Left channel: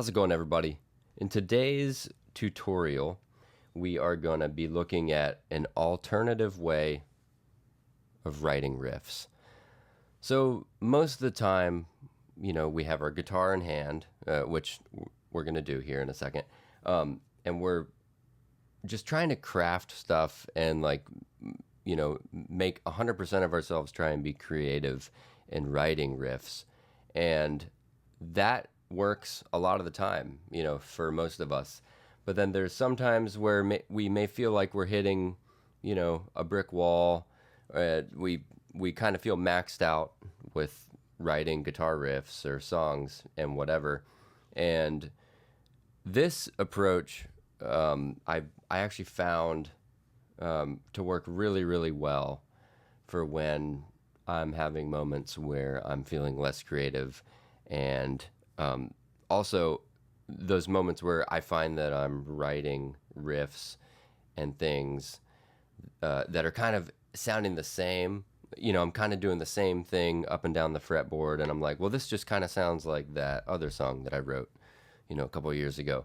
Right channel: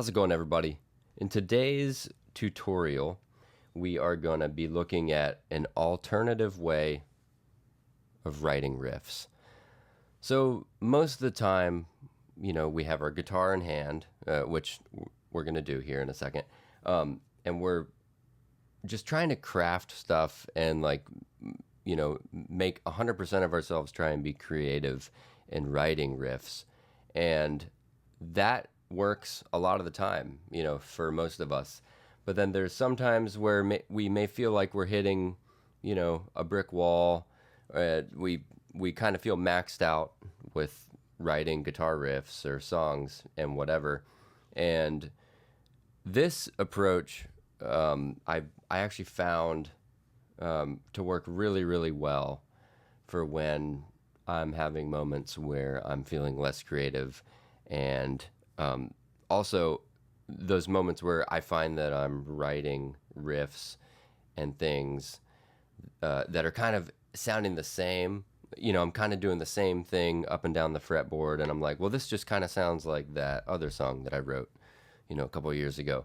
How's it going, everybody? In today's tutorial, we are going to be looking at an alternative way of writing riffs. So most of the time, we have our guitar in hand, which we're going to do here in a second, and we're just trying to craft stuff and make 100% of ourselves try and be creative in writing riffs. And that works a lot of the time, for most of us. But then there's some times where we may feel like we're hitting, a brick wall. We kind of feel maxed out with writing guitar riffs or songs and whatever. And this approach, I actually found to work really, really well for when I'm having moments where I'm feeling less creative, and also those moments where I find that I'm writing riffs and things that are kind of sounding the same. I'm kind of doing the same thing up and down the fretboard, and I'm like, well, this just kind of sounds like that other song that I wrote, a couple of years ago.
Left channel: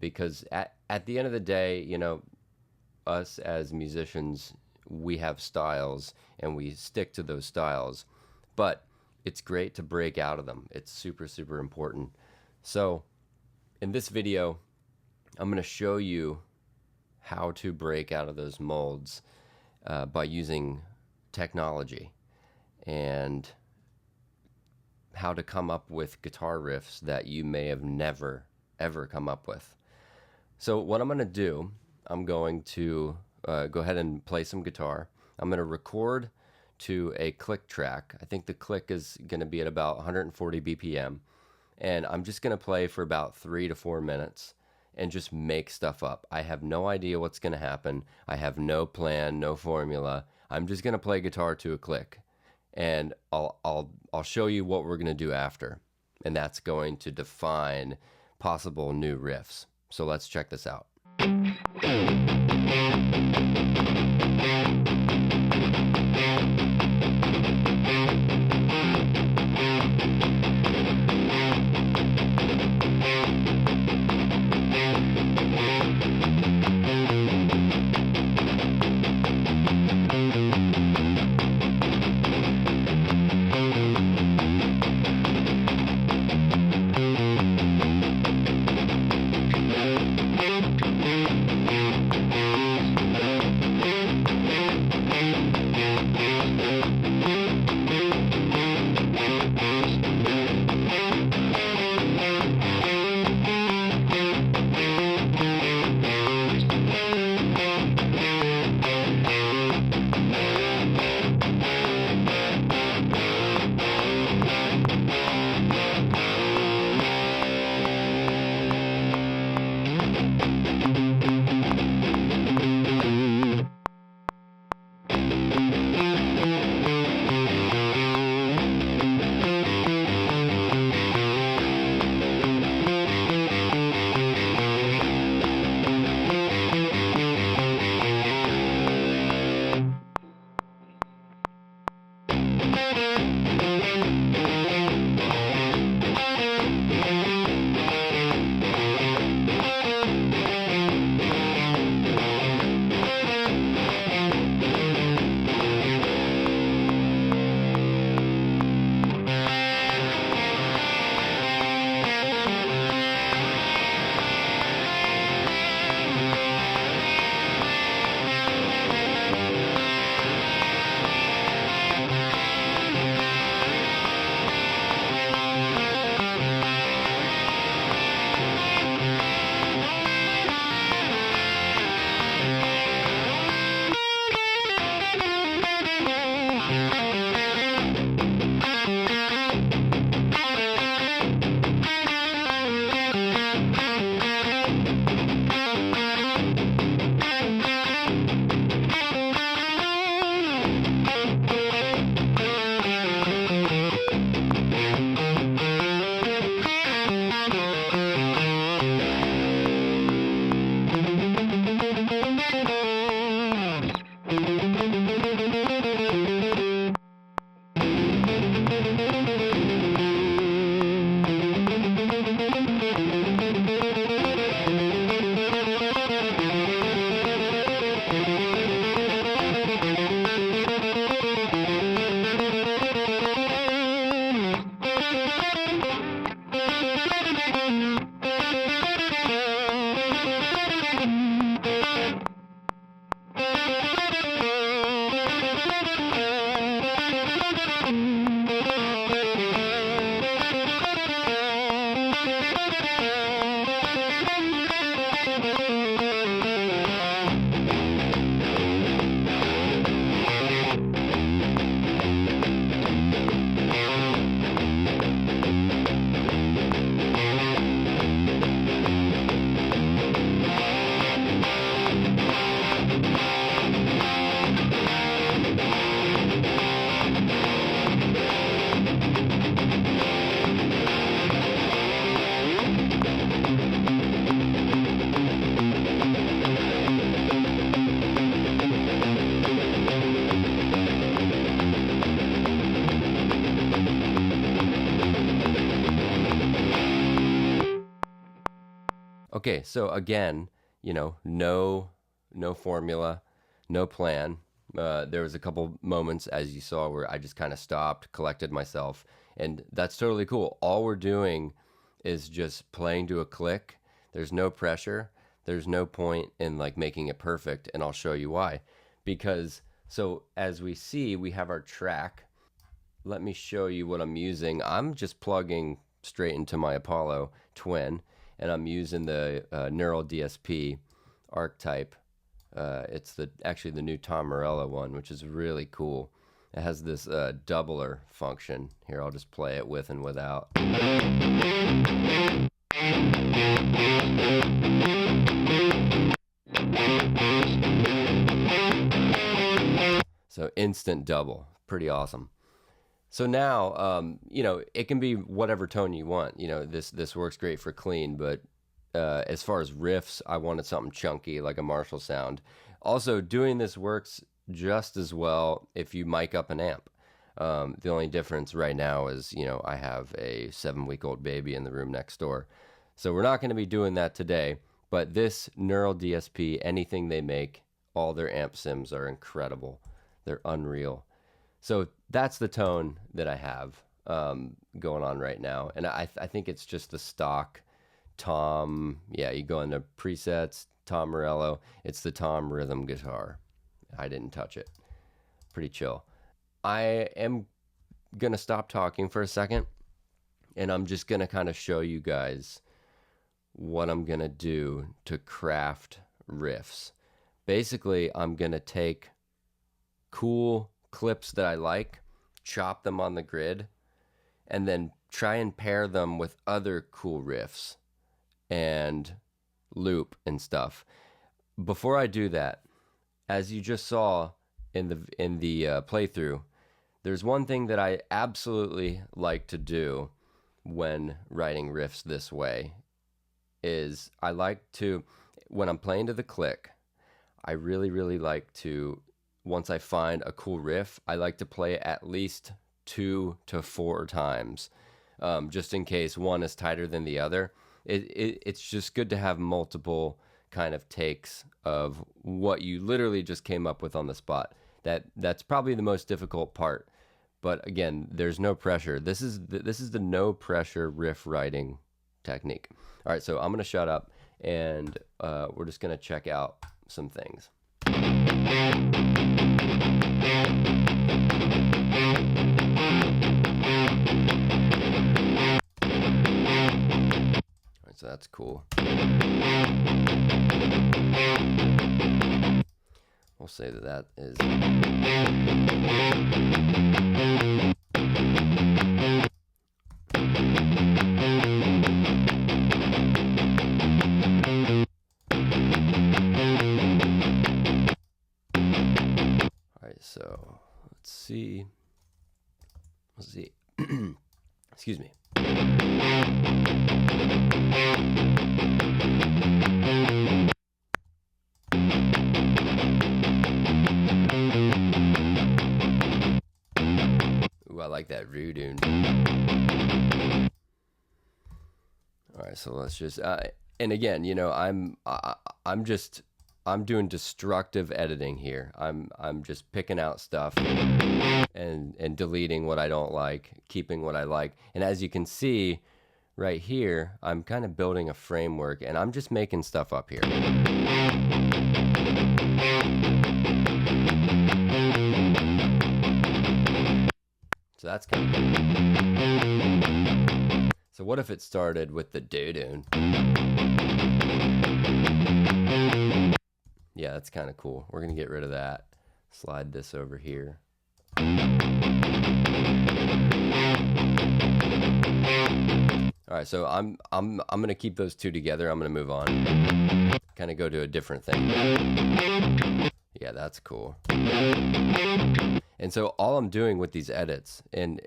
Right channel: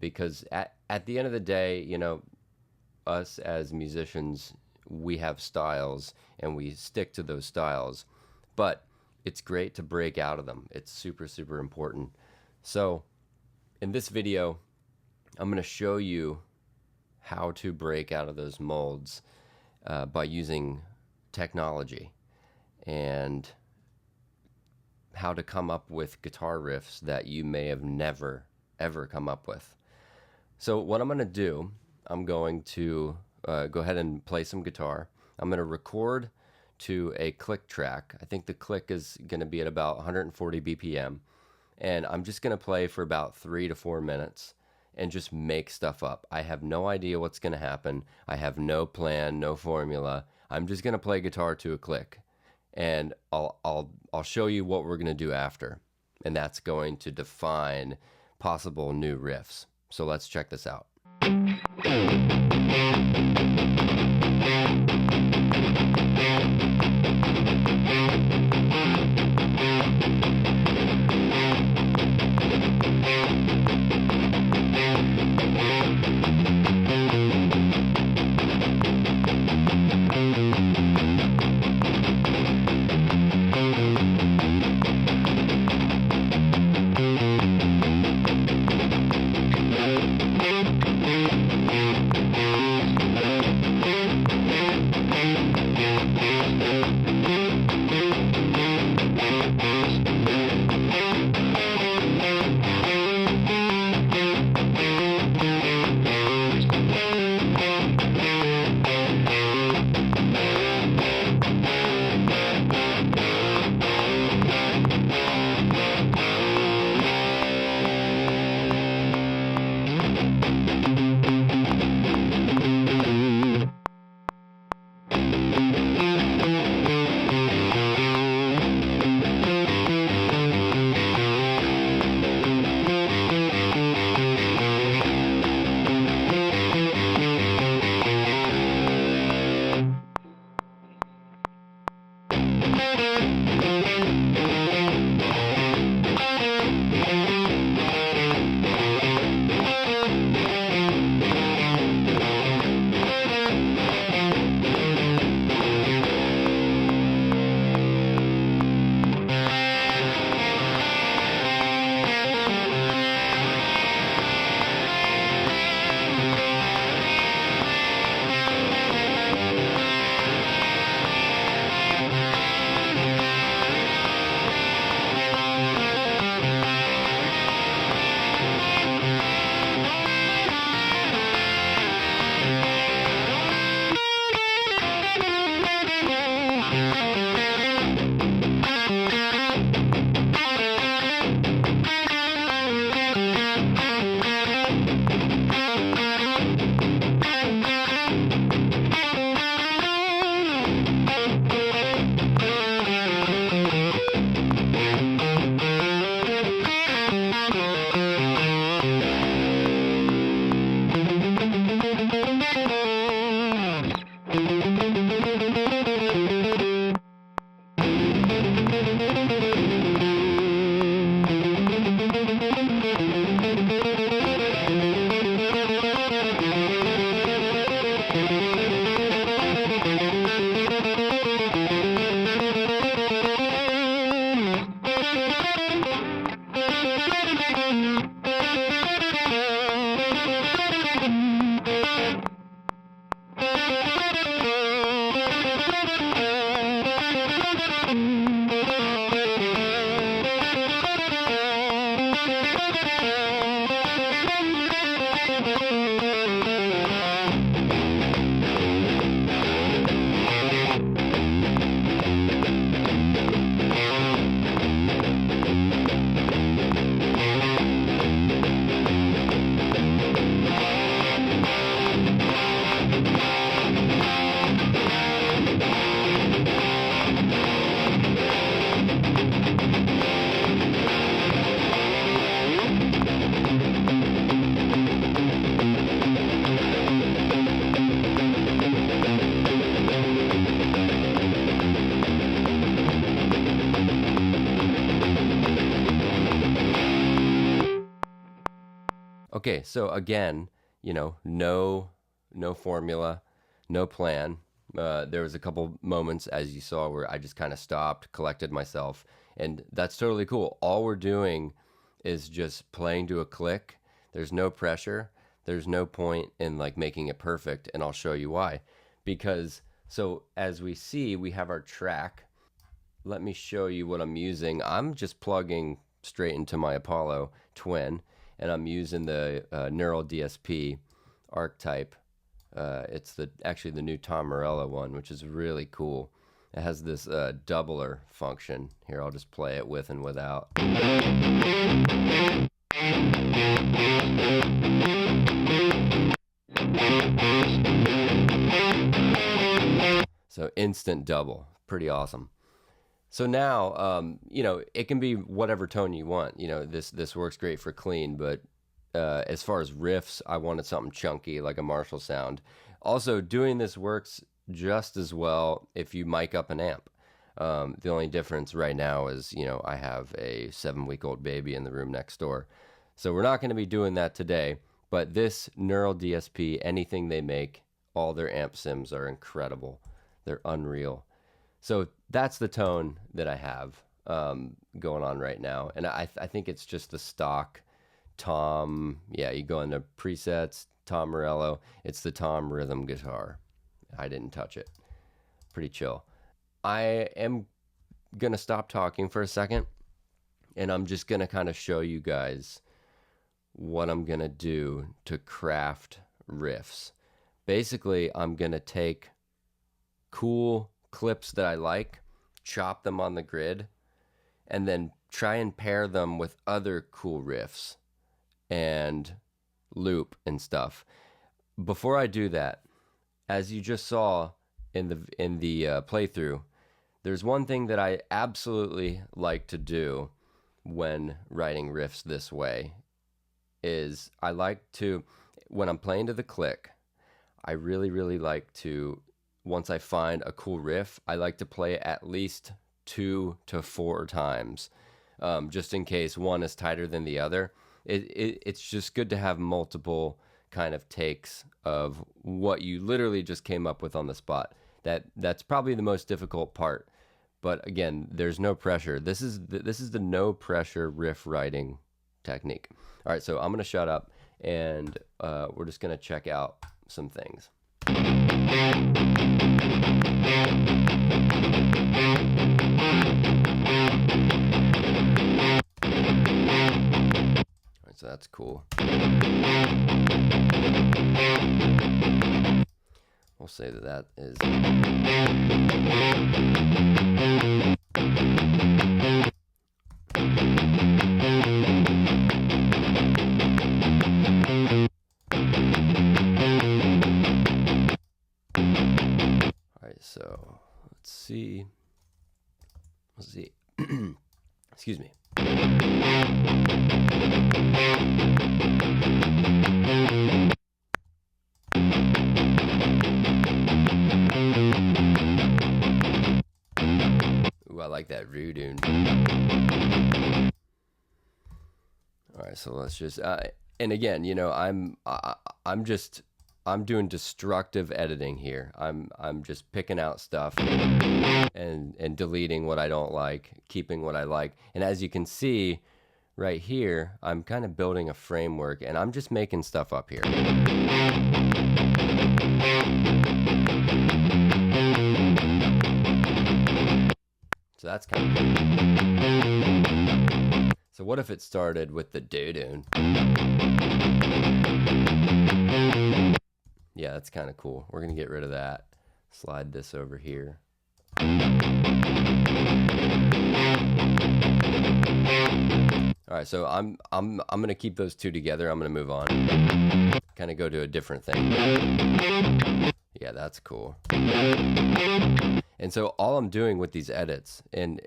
Because at the end of the day, us as musicians, we have styles and we stick to those styles, but it's great to break out of them. It's super, super important. So in this video, I'm going to show you how to break out of those molds by using technology, and how to come up with guitar riffs that you may have never, ever come up with. So what I'm going to do, I'm going to go ahead and play some guitar. I'm going to record to a click track. I think the click is going to be at about 140 BPM. And I'm just going to play for about 3 to 4 minutes and just make stuff up. I have no idea what's going to happen. I have no plan, no formula. I'm just going to play guitar to a click. And I'll show you what we're going to do after. And that's going to define possible new riffs. So let's check this out. Okay, so again, no formula, no plan. There was a couple moments, as you saw, where I just kind of stopped, collected myself, and that's totally cool. All we're doing is just playing to a click. There's no pressure. There's no point in like making it perfect, and I'll show you why. Because so as we see, we have our track. Let me show you what I'm using. I'm just plugging straight into my Apollo Twin, and I'm using the Neural DSP archetype. It's actually the new Tom Morello one, which is really cool. It has this doubler function. Here, I'll just play it with and without. So instant double, pretty awesome. So now, it can be whatever tone you want. This works great for clean, but as far as riffs, I wanted something chunky, like a Marshall sound. Also, doing this works just as well if you mic up an amp. The only difference right now is, I have a 7-week-old baby in the room next door. So we're not going to be doing that today, but this Neural DSP, anything they make, all their amp sims are incredible. They're unreal. So that's the tone that I have going on right now. And I think it's just the stock Tom. Yeah, you go into presets, Tom Morello. It's the Tom rhythm guitar. I didn't touch it. Pretty chill. I am going to stop talking for a second, and I'm just going to kind of show you guys what I'm going to do to craft riffs. Basically, I'm going to take cool clips that I like, chop them on the grid, and then try and pair them with other cool riffs and loop and stuff. Before I do that, as you just saw in the playthrough, there's one thing that I absolutely like to do when writing riffs this way is I like to, when I'm playing to the click, I really, really like to, once I find a cool riff, I like to play it at least 2 to 4 times, just in case one is tighter than the other. It's just good to have multiple kind of takes of what you literally just came up with on the spot. That's probably the most difficult part. But again, there's no pressure. This is the no pressure riff writing technique. All right, so I'm gonna shut up and we're just gonna check out some things. All right, so that's cool. We'll say that is. So let's see. Excuse me. Ooh, I like that voodoo. All right, so let's just and again, I'm doing destructive editing here. I'm just picking out stuff and deleting what I don't like, keeping what I like. And as you can see, right here, I'm kind of building a framework, and I'm just making stuff up here. So that's kind of cool. So what if it started with the doo-doo? Yeah, that's kind of cool. We're gonna get rid of that. Slide this over here. All right, so I'm gonna keep those two together. I'm gonna move on. Kind of go to a different thing. Yeah, that's cool. And so all I'm doing with these edits in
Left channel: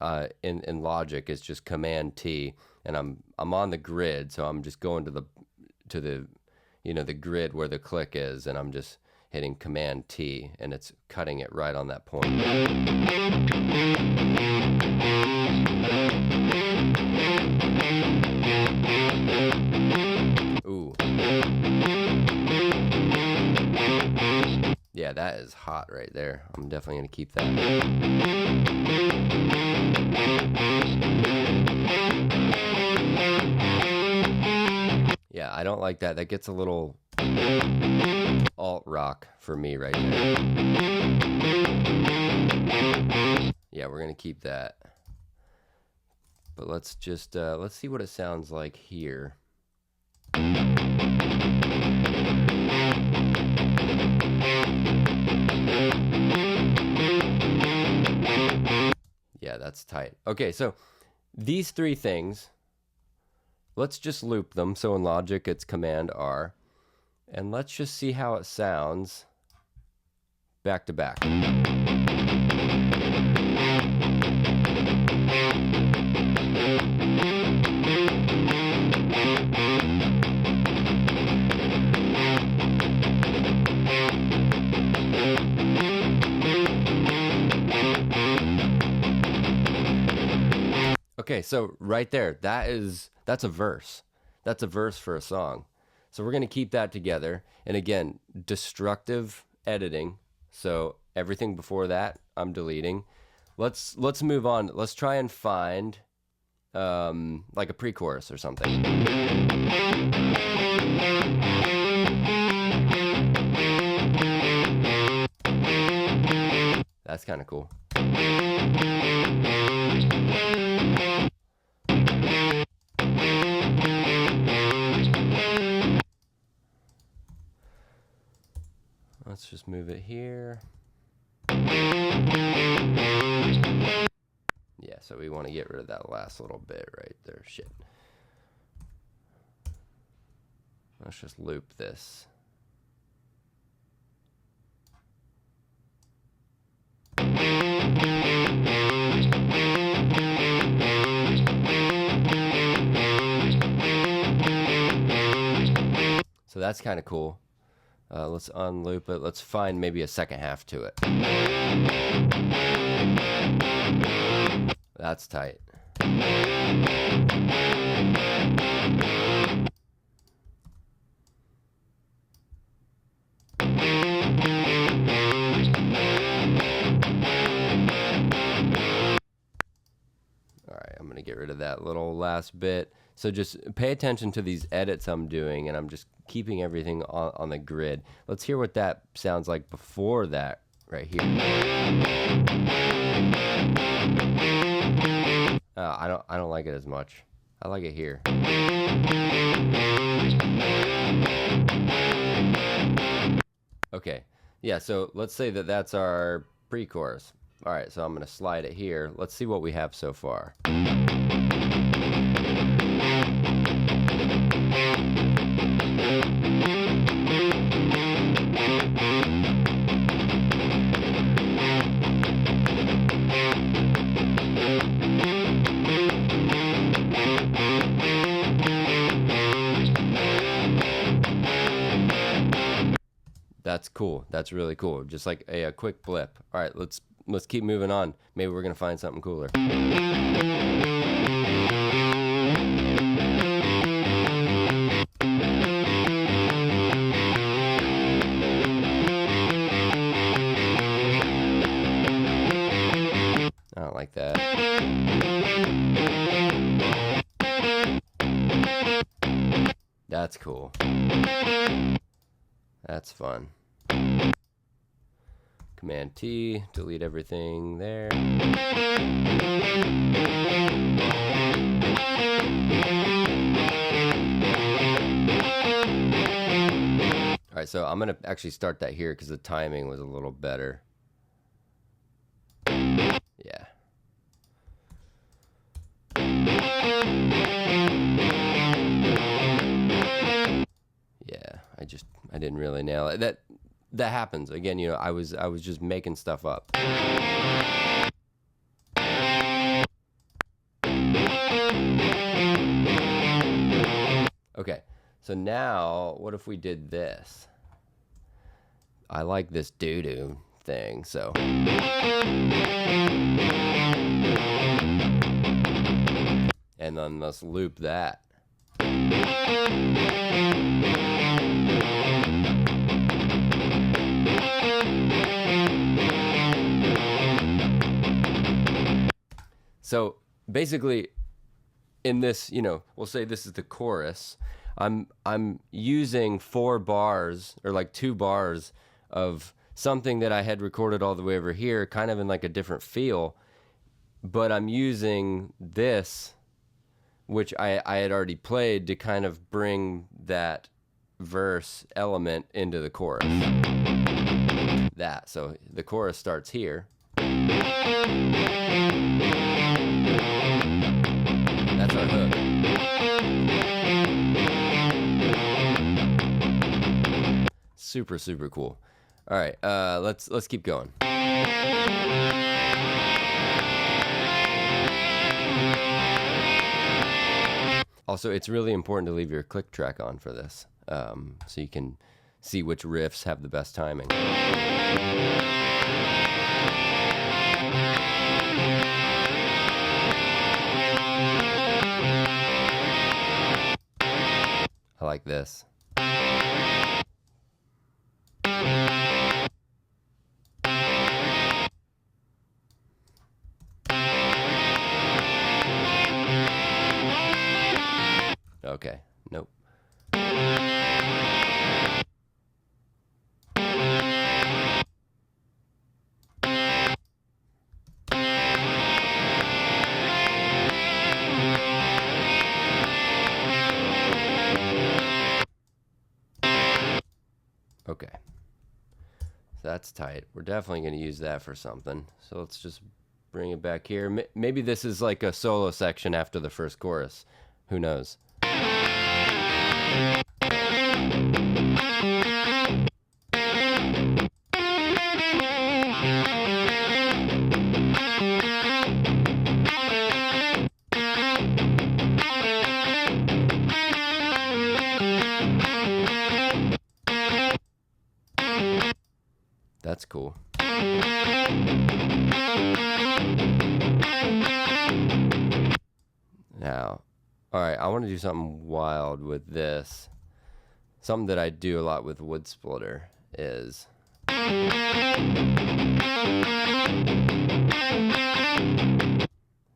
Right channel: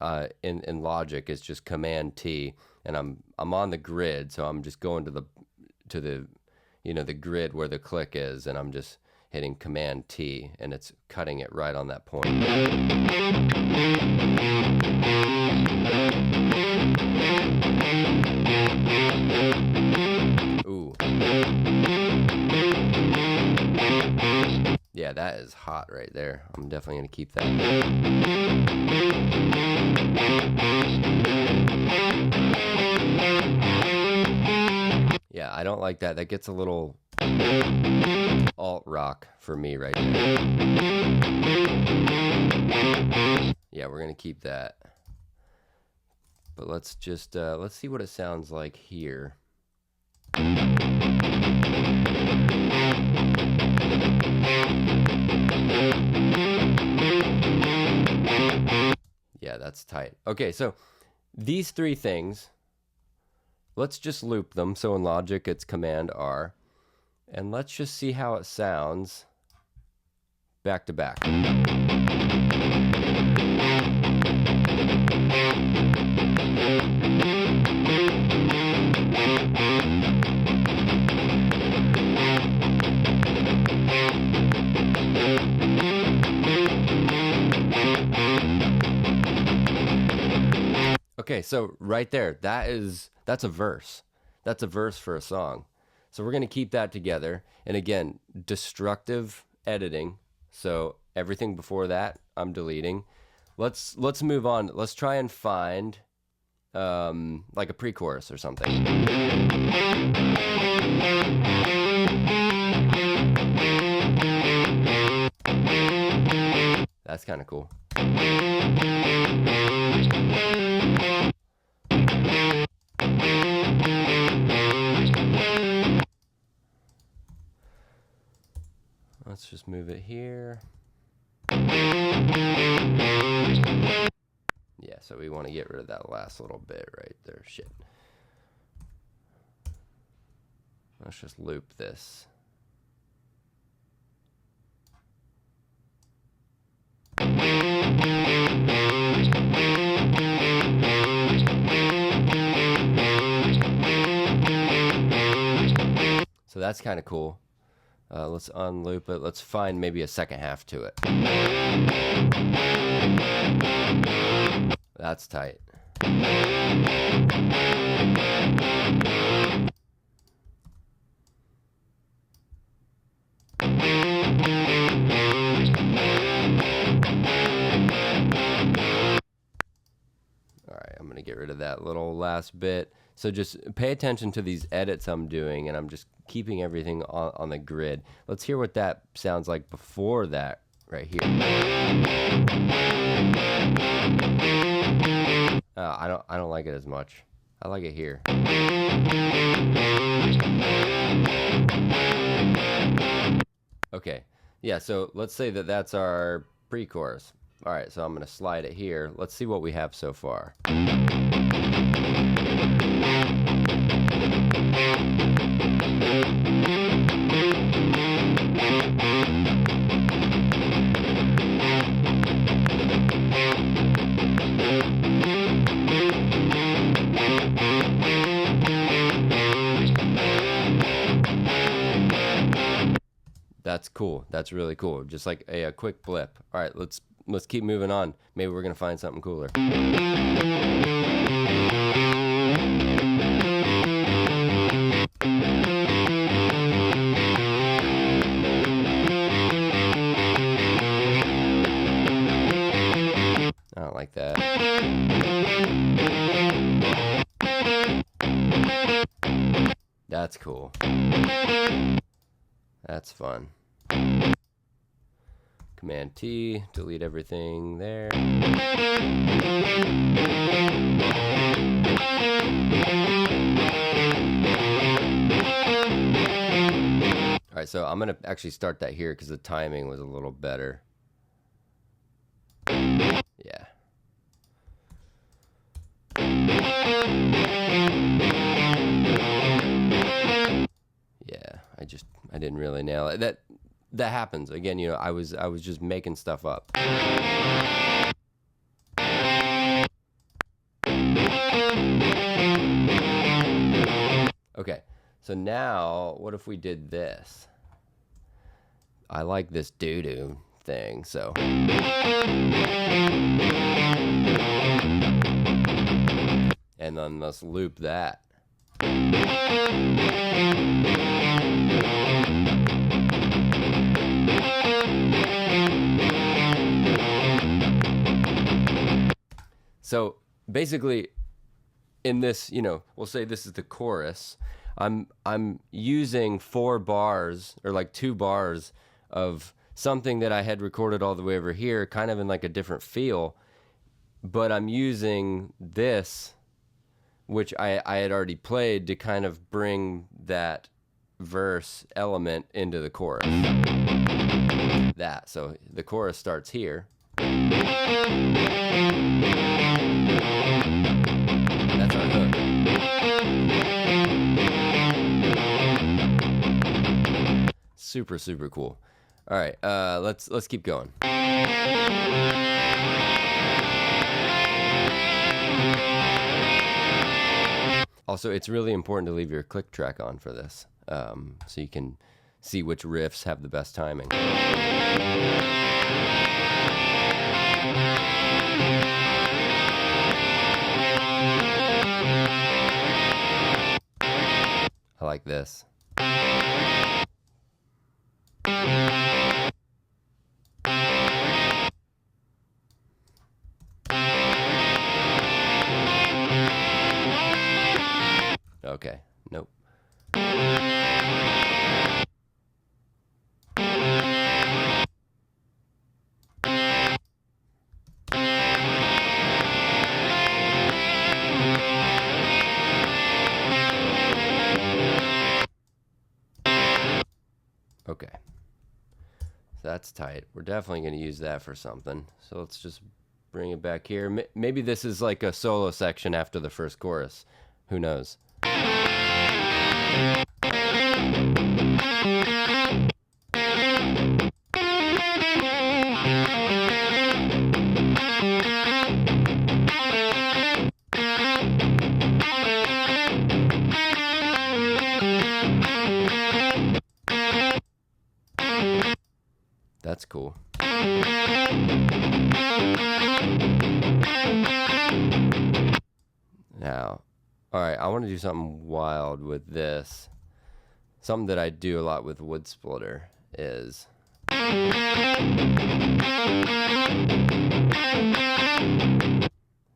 Logic is just Command T, and I'm on the grid, so I'm just going to the the grid where the click is, and I'm just hitting Command T, and it's cutting it right on that point. Ooh. Yeah, that is hot right there. I'm definitely going to keep that. Yeah, I don't like that. That gets a little alt rock for me right there. Yeah, we're going to keep that. But let's just, let's see what it sounds like here. Yeah, that's tight. Okay, so these three things, let's just loop them. So in Logic, it's Command R. And let's just see how it sounds back to back. Okay, so right there, that's a verse. That's a verse for a song. So we're going to keep that together. And again, destructive editing. So everything before that, I'm deleting. Let's move on. Let's try and find like a pre-chorus or something. That's kind of cool. Let's just move it here. Yeah, so we want to get rid of that last little bit right there. Shit. Let's just loop this. So that's kind of cool. Let's unloop it. Let's find maybe a second half to it. That's tight. Alright, I'm going to get rid of that little last bit. So just pay attention to these edits I'm doing, and I'm just keeping everything on the grid. Let's hear what that sounds like before that right here. I don't like it as much. I like it here. Okay, yeah, so let's say that that's our pre-chorus. All right, so I'm going to slide it here. Let's see what we have so far. That's cool. That's really cool. Just like a quick blip. All right, let's keep moving on. Maybe we're gonna find something cooler. I don't like that. That's cool. That's fun. Command T, delete everything there. All right, so I'm gonna actually start that here because the timing was a little better. Yeah. Yeah, I didn't really nail it. That happens. Again, you know, I was just making stuff up. Okay. So now, what if we did this? I like this doo-doo thing, so. And then let's loop that. So basically, in this, you know, we'll say this is the chorus. I'm using 4 bars, or like 2 bars of something that I had recorded all the way over here, kind of in like a different feel, but I'm using this, which I had already played, to kind of bring that verse element into the chorus. That, so the chorus starts here. That's our hook. Super, super cool. All right, let's keep going. Also, it's really important to leave your click track on for this, so you can see which riffs have the best timing. I like this. Okay, nope. Okay, so that's tight. We're definitely going to use that for something. So let's just bring it back here. Maybe this is like a solo section after the first chorus. Who knows? That's cool. Now, all right, I want to do something wild with this. Something that I do a lot with Wood Splitter is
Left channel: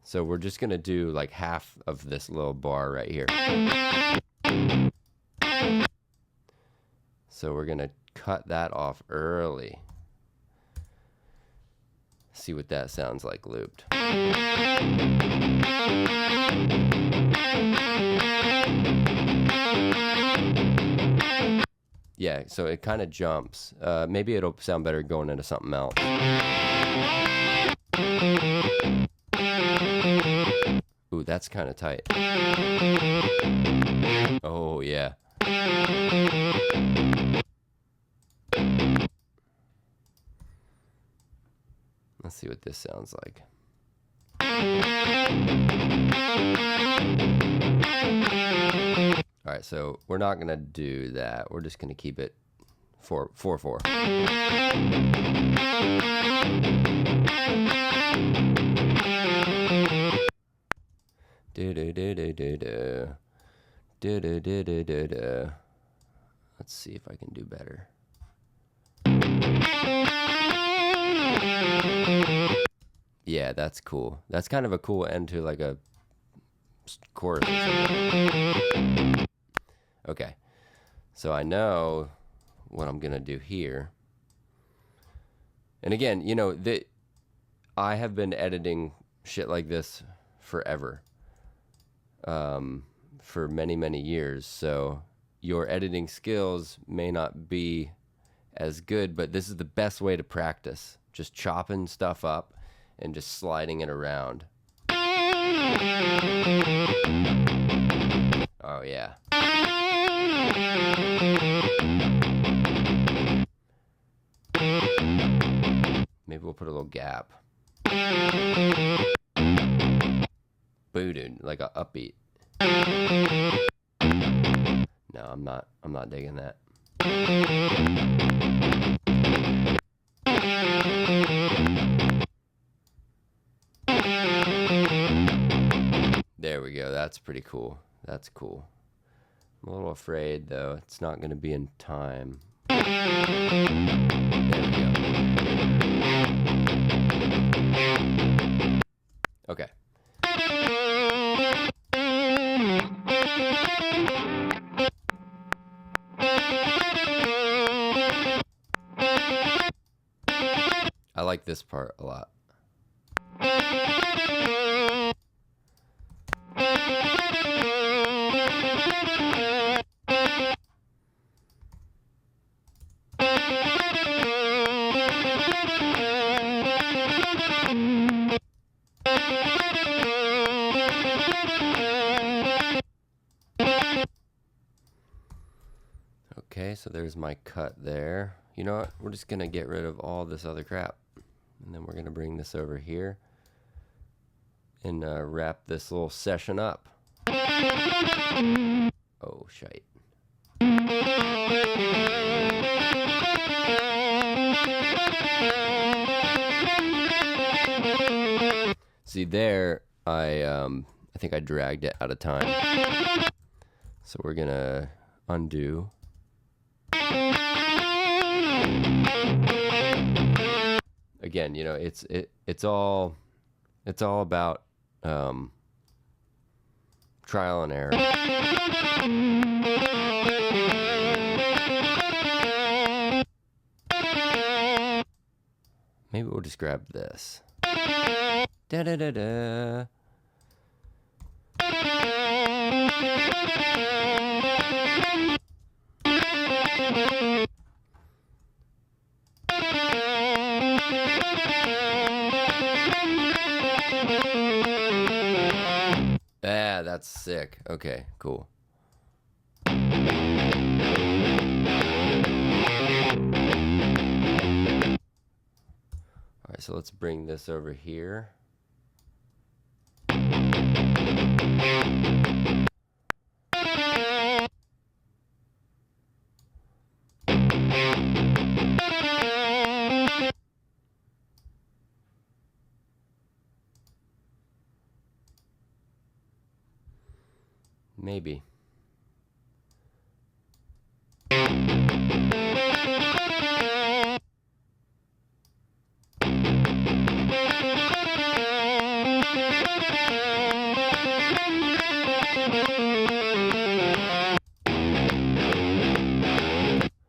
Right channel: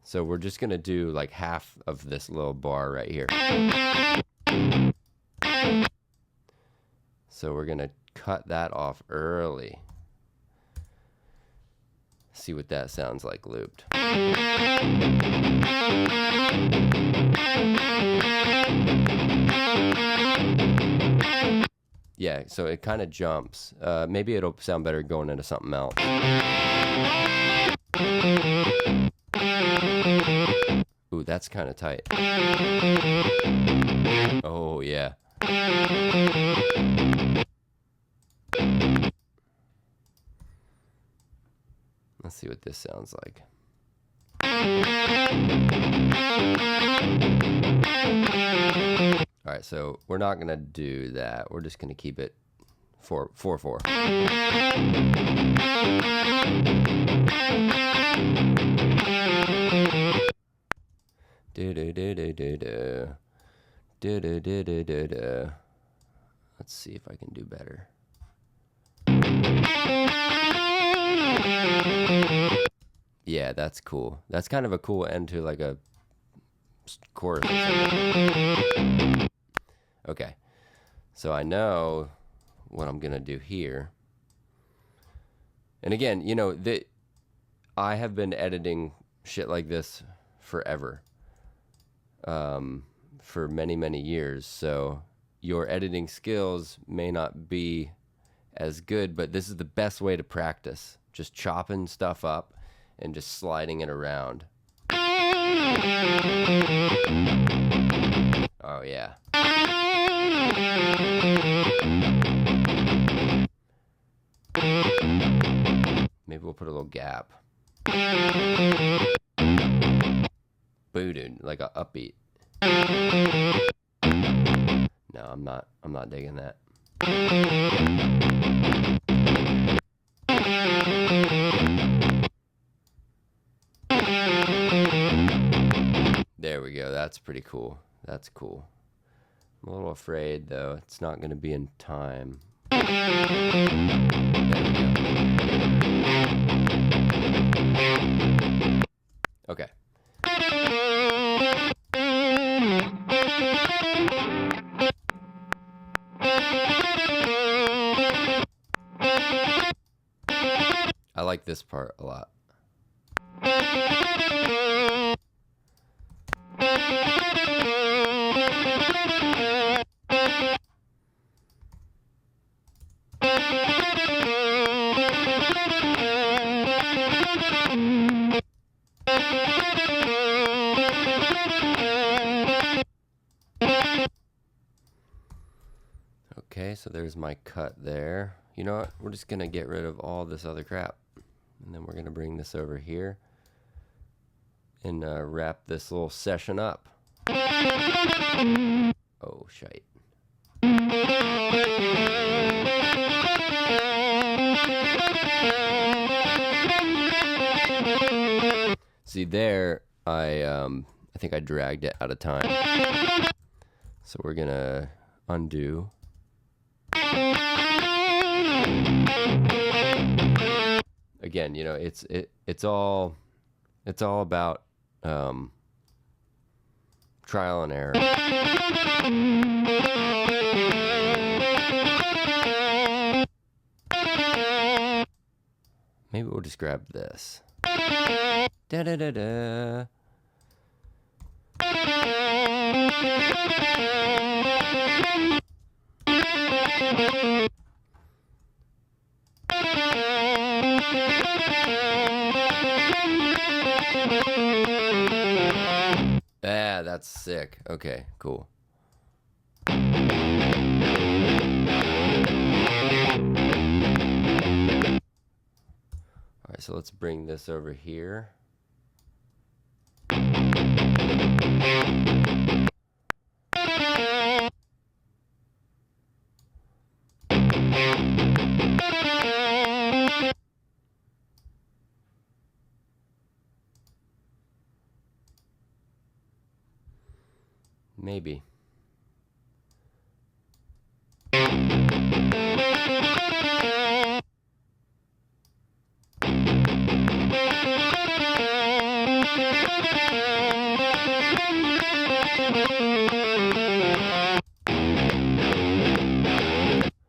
so we're just gonna do like half of this little bar right here. So we're gonna cut that off early. See what that sounds like looped. Yeah, so it kind of jumps. Maybe it'll sound better going into something else. Ooh, that's kind of tight. Oh, yeah. Let's see what this sounds like. All right, so we're not gonna do that. We're just gonna keep it 4/4. Do do do do do do do do do do do do. Let's see if I can do better. Yeah, that's cool. That's kind of a cool end to like a chorus or something. Okay, so I know what I'm gonna do here. And again, you know, I have been editing shit like this forever, for many, many years. So your editing skills may not be as good, but this is the best way to practice. Just chopping stuff up and just sliding it around. Oh, yeah. Maybe we'll put a little gap. Booted, like a upbeat. No, I'm not digging that. There we go. That's pretty cool. That's cool. I'm a little afraid, though. It's not going to be in time. There we go. Okay. I like this part a lot. Okay, so there's my cut there. You know what? We're just going to get rid of all this other crap. And then we're going to bring this over here and wrap this little session up. Oh, shite. See there, I think I dragged it out of time. So we're going to undo. Again, you know, it's all about trial and error. Maybe we'll just grab this. Da da da da. Ah, that's sick. Okay, cool. All right, so let's bring this over here. Maybe.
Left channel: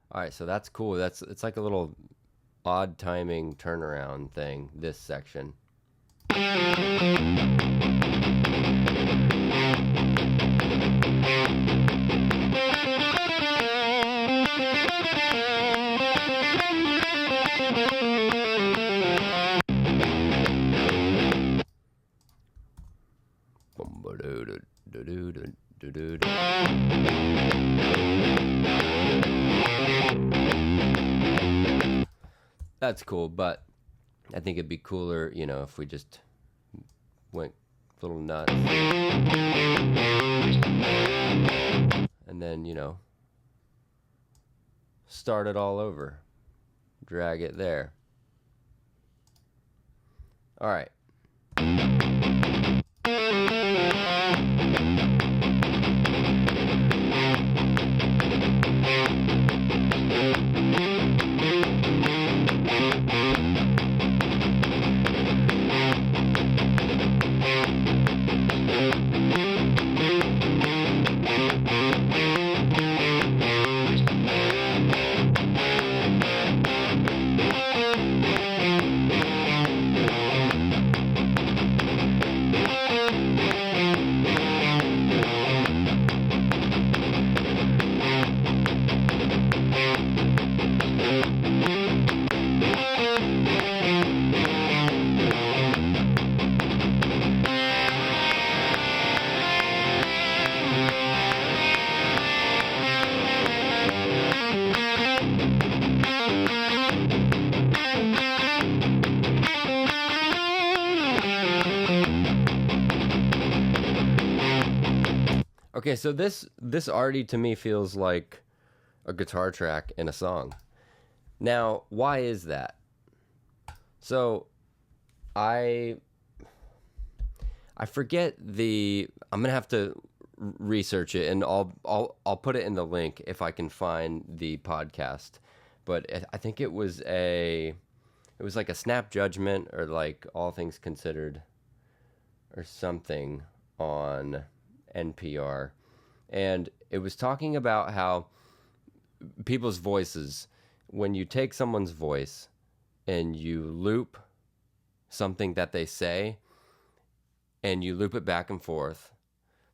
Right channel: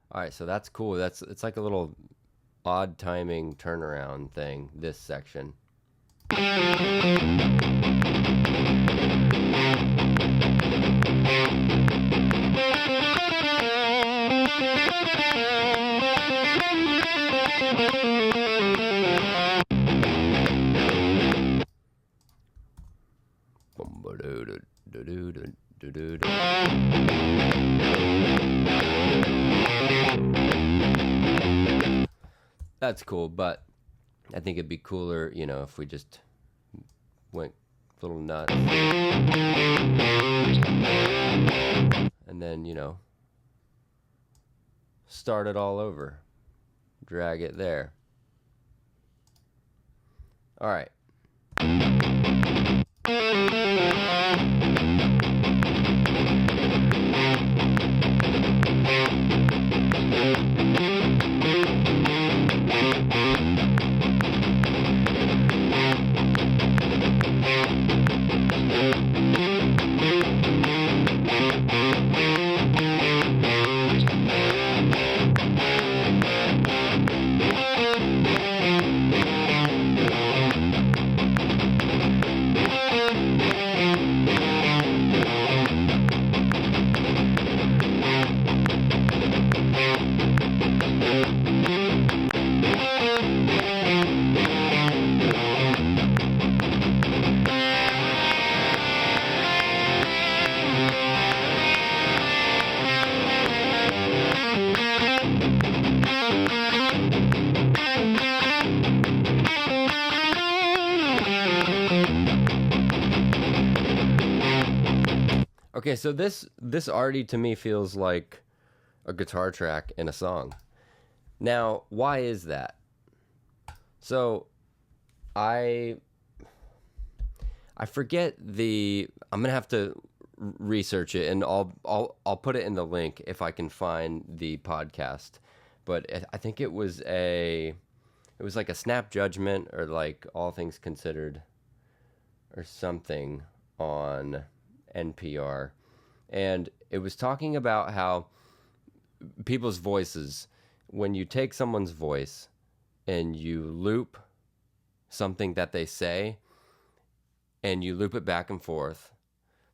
All right, so that's cool. It's like a little odd timing turnaround thing, this section. That's cool, but I think it'd be cooler, you know, if we just went a little nuts. And then, you know, start it all over. Drag it there. All right. Okay, so this already to me feels like a guitar track in a song. Now, why is that? So, I forget the. I'm gonna have to research it, and I'll put it in the link if I can find the podcast. But I think it was like a Snap Judgment or like All Things Considered or something on NPR, and it was talking about how people's voices, when you take someone's voice and you loop something that they say and you loop it back and forth.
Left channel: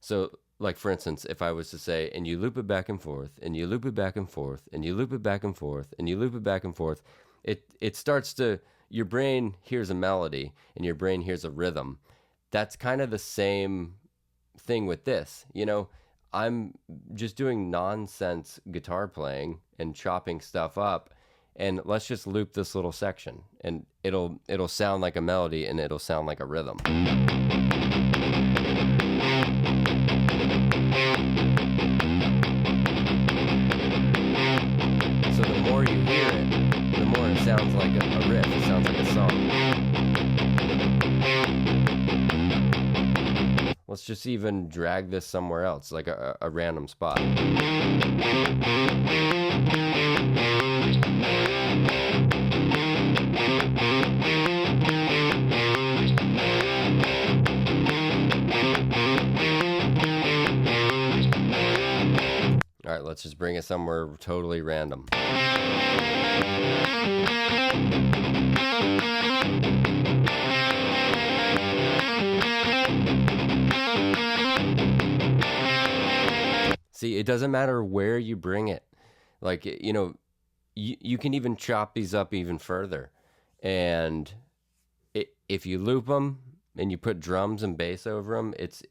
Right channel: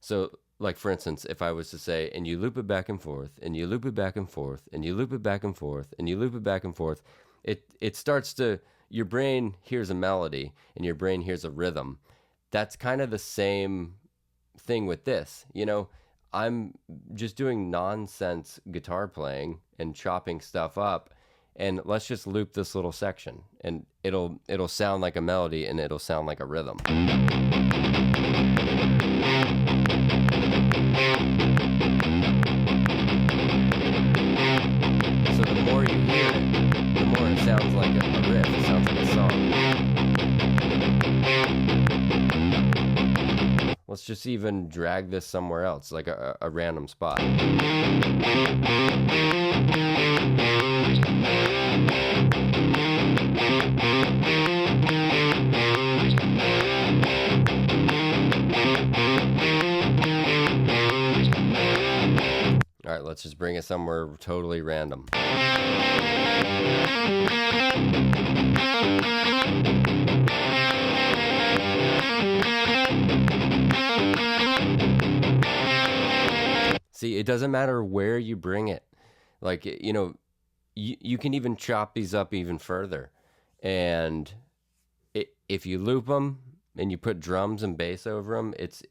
So, like for instance, if I was to say, and you loop it back and forth, and you loop it back and forth, and you loop it back and forth, and you loop it back and forth, it starts to, your brain hears a melody and your brain hears a rhythm. That's kind of the same thing with this. You know, I'm just doing nonsense guitar playing and chopping stuff up, and let's just loop this little section, and it'll sound like a melody and it'll sound like a rhythm. So the more you hear it, the more it sounds like a riff. It sounds like a song. Let's just even drag this somewhere else, like a random spot. All right, let's just bring it somewhere totally random. See, it doesn't matter where you bring it. Like, you know, you can even chop these up even further. And if you loop them and you put drums and bass over them, it's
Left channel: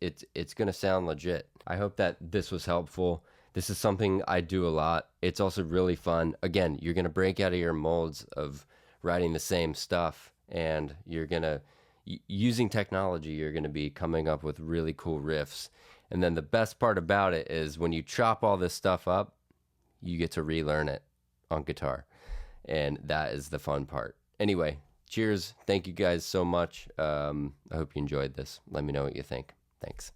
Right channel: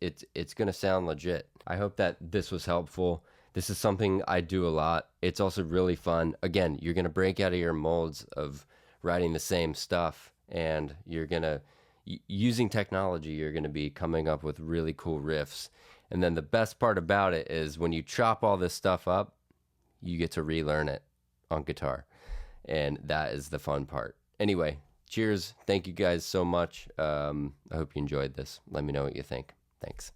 going to sound legit. I hope that this was helpful. This is something I do a lot. It's also really fun. Again, you're going to break out of your molds of writing the same stuff, and you're going to, using technology, you're going to be coming up with really cool riffs. And then the best part about it is when you chop all this stuff up, you get to relearn it on guitar. And that is the fun part. Anyway, cheers. Thank you guys so much. I hope you enjoyed this. Let me know what you think. Thanks.